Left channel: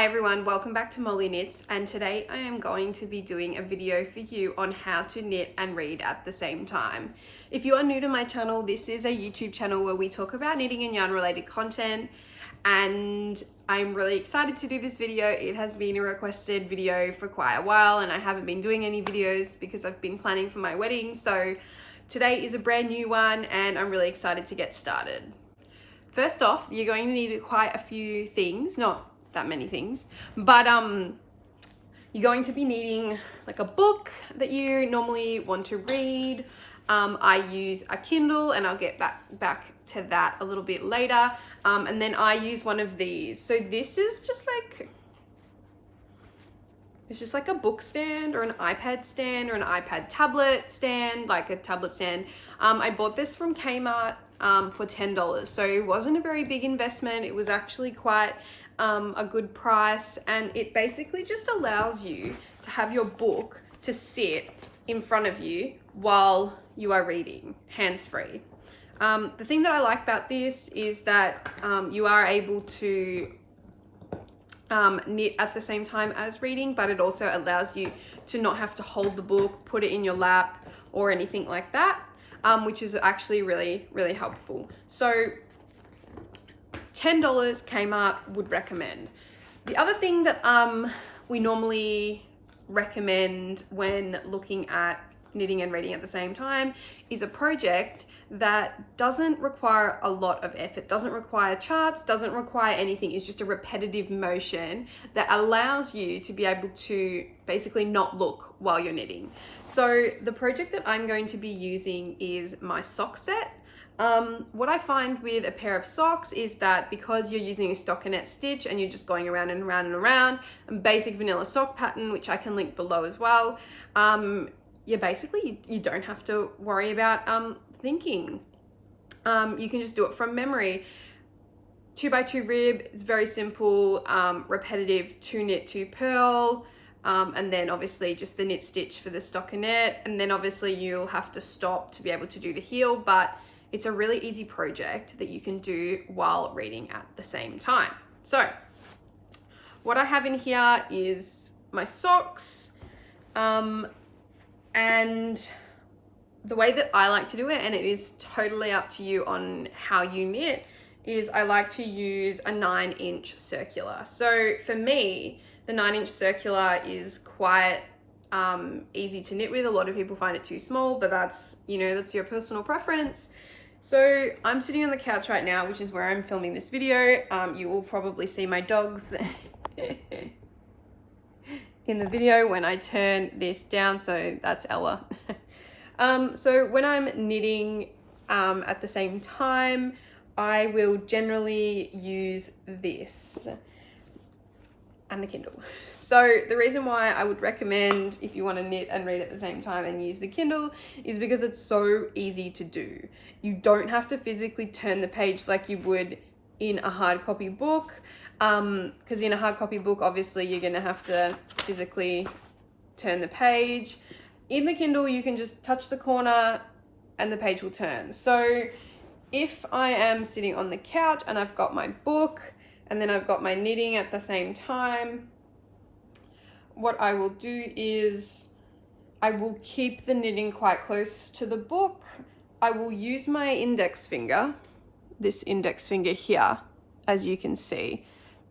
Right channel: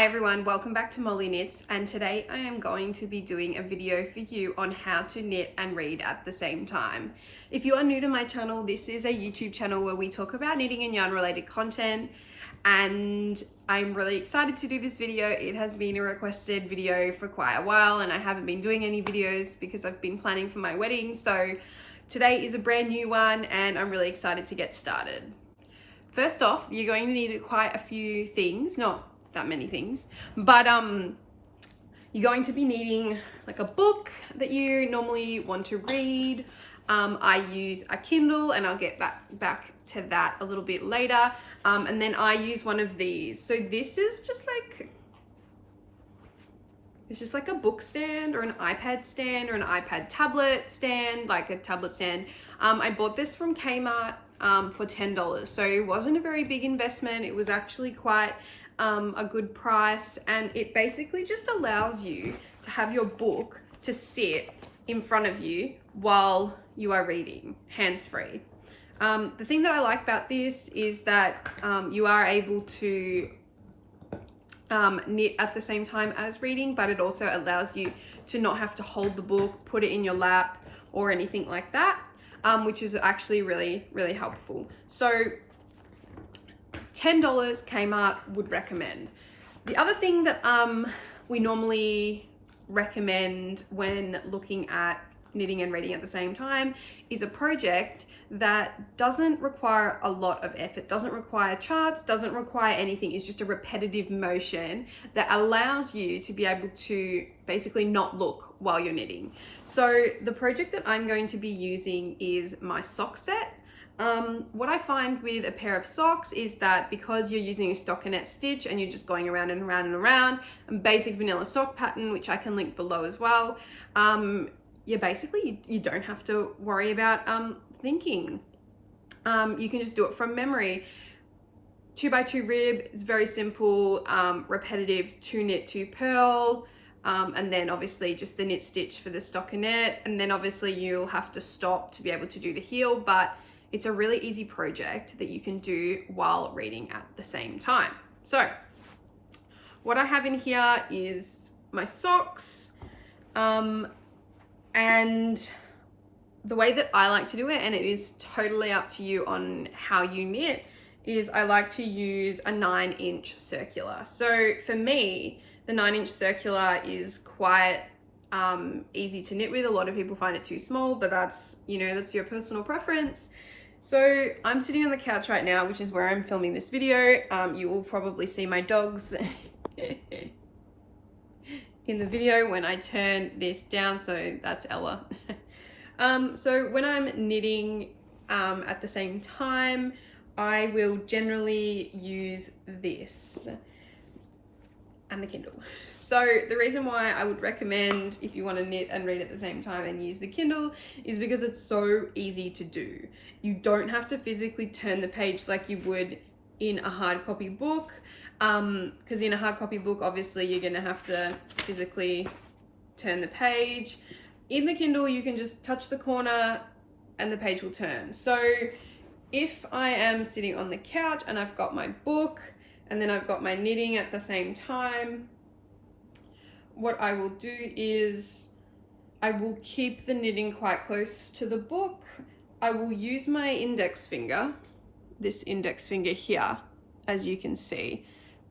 Hi everyone, welcome back to Molly Knits, and today I am going to be doing a video for you on how to knit and read at the same time. If you are new to my channel, this is a YouTube channel where we talk about knitting and yarn related content, and I'm really excited to do this video. It has been a requested video for quite a while and I haven't been doing any videos because I've been planning for my wedding, so today is a brand new one and I'm really excited to get started. First off, you're going to need quite a few things, not that many things, but you're going to be needing like a book that you normally want to read. I use a Kindle and I'll get back to that a little bit later. And then I use one of these. So this is just like, it's just like a book stand or an iPad stand or an iPad tablet stand, like a tablet stand. I bought this from Kmart for $10. So it wasn't a very big investment. It was actually quite a good price, and it basically just allows you to have your book to sit in front of you while you are reading, hands-free. The thing that I like about this is that you are able to knit at the same time as reading, but it also allows you to not have to hold the book, put it in your lap or anything like that, which is actually really, really helpful. So $10 Kmart would recommend. The other thing that we normally recommend when looking at knitting and reading at the same time is a project that doesn't require a lot of effort, doesn't require charts, doesn't require anything. It's just a repetitive motion that allows you to be able to basically not look while you're knitting. So the project that I'm going to be using is my sock set. What I find with a pair of socks is that because you're using a stockinette stitch and you're just going around and around and around, a basic vanilla sock pattern, which I can link below as well, you don't have to worry about thinking. You can just do it from memory. 2x2 rib is very simple, repetitive 2 knit 2 purl, and then obviously just the knit stitch for the stockinette, and then obviously you'll have to stop to be able to do the heel, but it's a really easy project that you can do while reading at the same time. So what I have in here is my socks, and the way that I like to do it, and it is totally up to you on how you knit, is I like to use a 9-inch circular. So for me, the 9-inch circular is quite easy to knit with. A lot of people find it too small, but that's your personal preference. So I'm sitting on the couch right now, which is where I'm filming this video. You will probably see my dogs in the video when I turn this down, so that's Ella. So when I'm knitting at the same time, I will generally use this and the Kindle. So the reason why I would recommend, if you want to knit and read at the same time and use the Kindle, is because it's so easy to do. You don't have to physically turn the page like you would in a hard copy book, because in a hard copy book, obviously you're going to have to physically turn the page. In the Kindle, you can just touch the corner and the page will turn. So if I am sitting on the couch and I've got my book and then I've got my knitting at the same time, what I will do is I will keep the knitting quite close to the book. I will use my index finger, this index finger here, as you can see,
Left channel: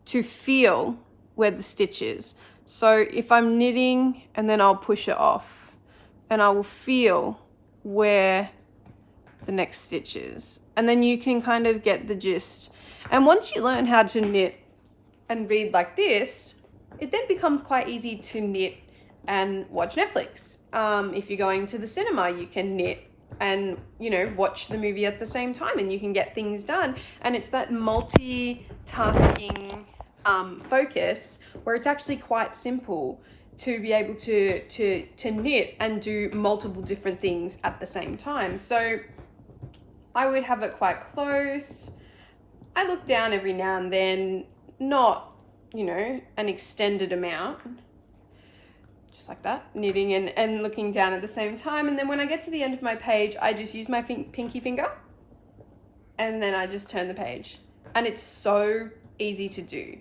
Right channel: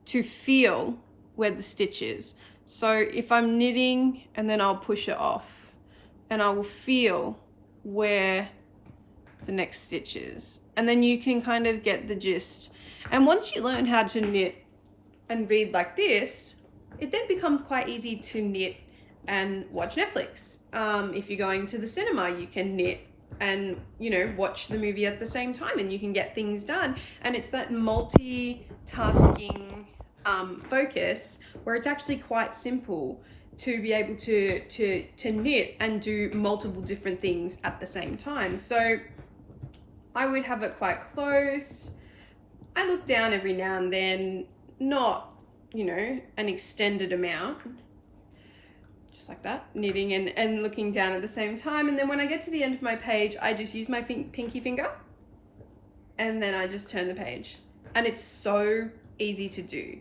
to feel where the stitch is. So if I'm knitting and then I'll push it off and I will feel where the next stitch is. And then you can kind of get the gist. And once you learn how to knit and read like this, it then becomes quite easy to knit and watch Netflix. If you're going to the cinema, you can knit and watch the movie at the same time, and you can get things done. And it's that multitasking focus where it's actually quite simple to be able to knit and do multiple different things at the same time. So I would have it quite close. I look down every now and then, not an extended amount, just like that, knitting and looking down at the same time. And then when I get to the end of my page, I just use my pinky finger and then I just turn the page, and it's so easy to do.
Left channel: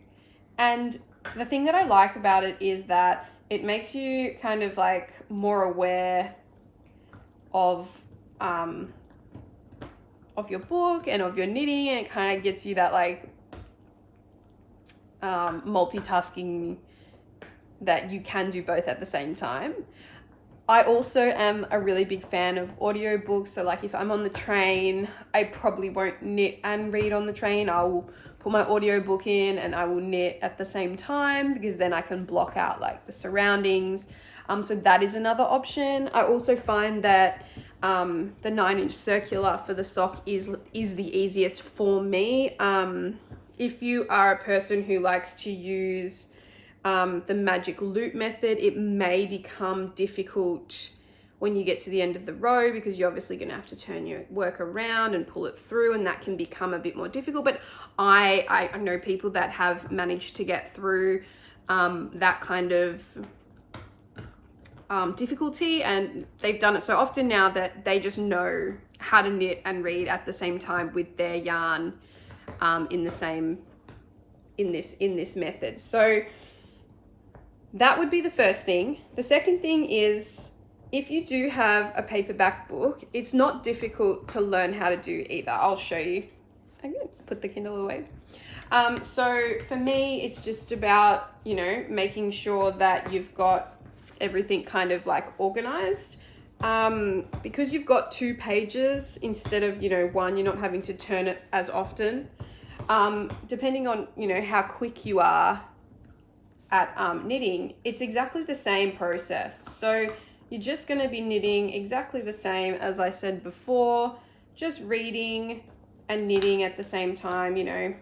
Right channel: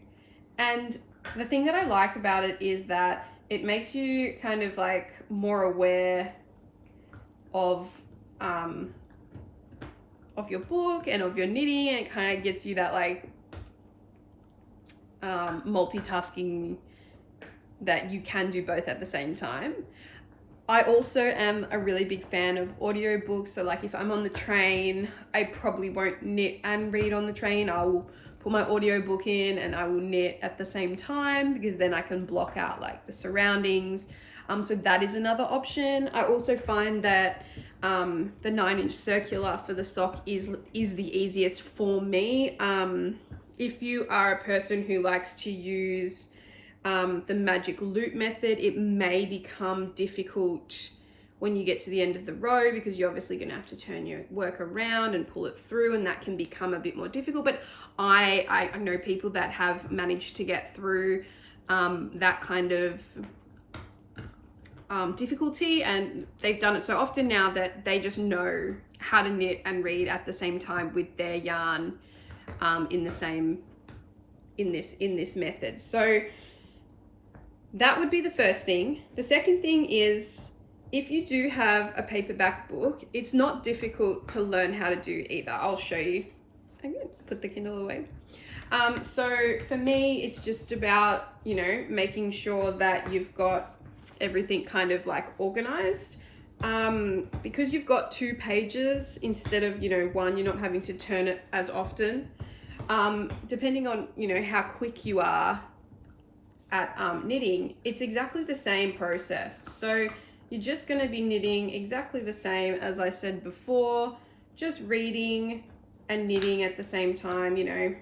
And the thing that I like about it is that it makes you kind of like more aware of your book and of your knitting, and it kind of gets you that like multitasking, that you can do both at the same time. I also am a really big fan of audiobooks. So like if I'm on the train, I probably won't knit and read on the train. I will put my audiobook in and I will knit at the same time, because then I can block out like the surroundings. So that is another option. I also find that the 9-inch circular for the sock is the easiest for me. If you are a person who likes to use the magic loop method, it may become difficult when you get to the end of the row, because you're obviously going to have to turn your work around and pull it through, and that can become a bit more difficult. But I know people that have managed to get through that kind of difficulty, and they've done it so often now that they just know how to knit and read at the same time with their yarn in this method. So that would be the first thing. The second thing is, if you do have a paperback book, it's not difficult to learn how to do either. I'll show you. I'm gonna put the Kindle away. So for me, it's just about, you know, making sure that you've got everything kind of like organized. Because you've got 2 pages instead of, you know, 1, you're not having to turn it as often. Depending on, you know, how quick you are at knitting, it's exactly the same process. So you're just going to be knitting exactly the same as I said before, just reading and knitting at the same time. You know,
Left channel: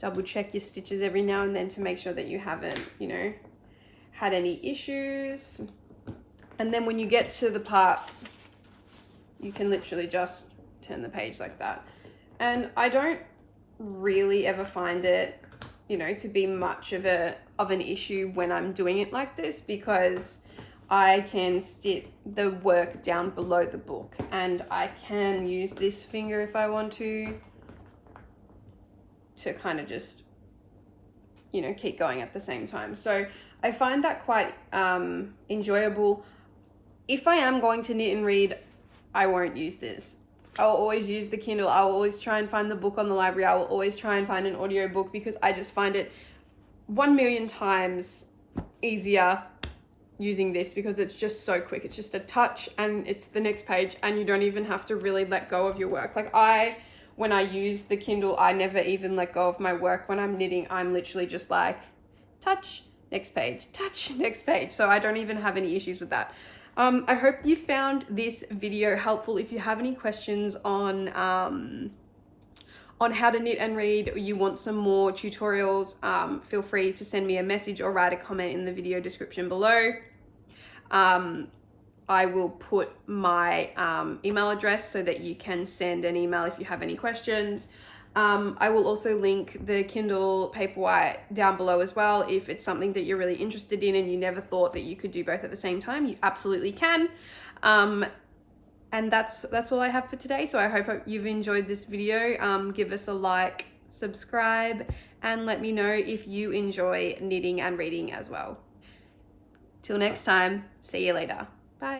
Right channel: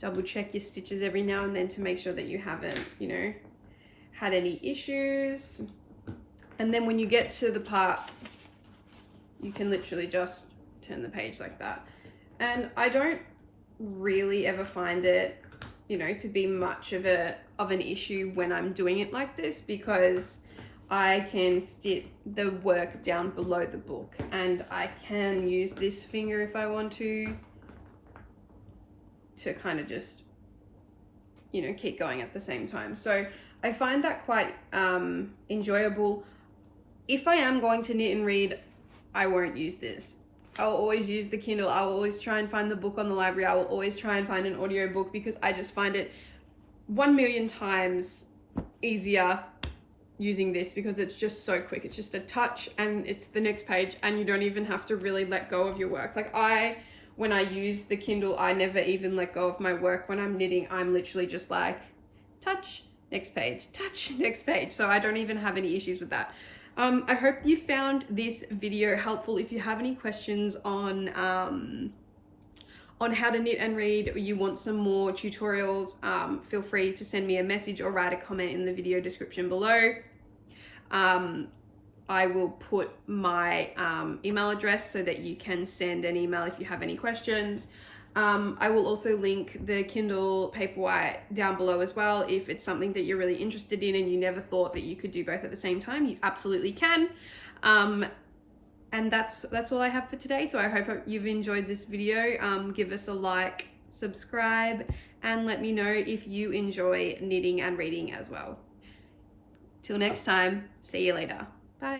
double check your stitches every now and then to make sure that you haven't, you know, had any issues. And then when you get to the part, you can literally just turn the page like that. And I don't really ever find it, you know, to be much of an issue when I'm doing it like this, because I can stick the work down below the book, and I can use this finger if I want to kind of just, you know, keep going at the same time. So I find that quite enjoyable. If I am going to knit and read, I won't use this. I'll always use the Kindle. I'll always try and find the book on the library. I will always try and find an audiobook, because I just find it 1,000,000 times easier using this, because it's just so quick. It's just a touch and it's the next page, and you don't even have to really let go of your work. Like when I use the Kindle, I never even let go of my work. When I'm knitting, I'm literally just like, touch, next page, touch, next page. So I don't even have any issues with that. I hope you found this video helpful. If you have any questions on how to knit and read, or you want some more tutorials, feel free to send me a message or write a comment in the video description below. I will put my email address so that you can send an email if you have any questions. I will also link the Kindle Paperwhite down below as well. If it's something that you're really interested in and you never thought that you could do both at the same time, you absolutely can. And that's all I have for today. So I hope you've enjoyed this video. Give us a like, subscribe, and let me know if you enjoy knitting and reading as well. Till next time, see you later.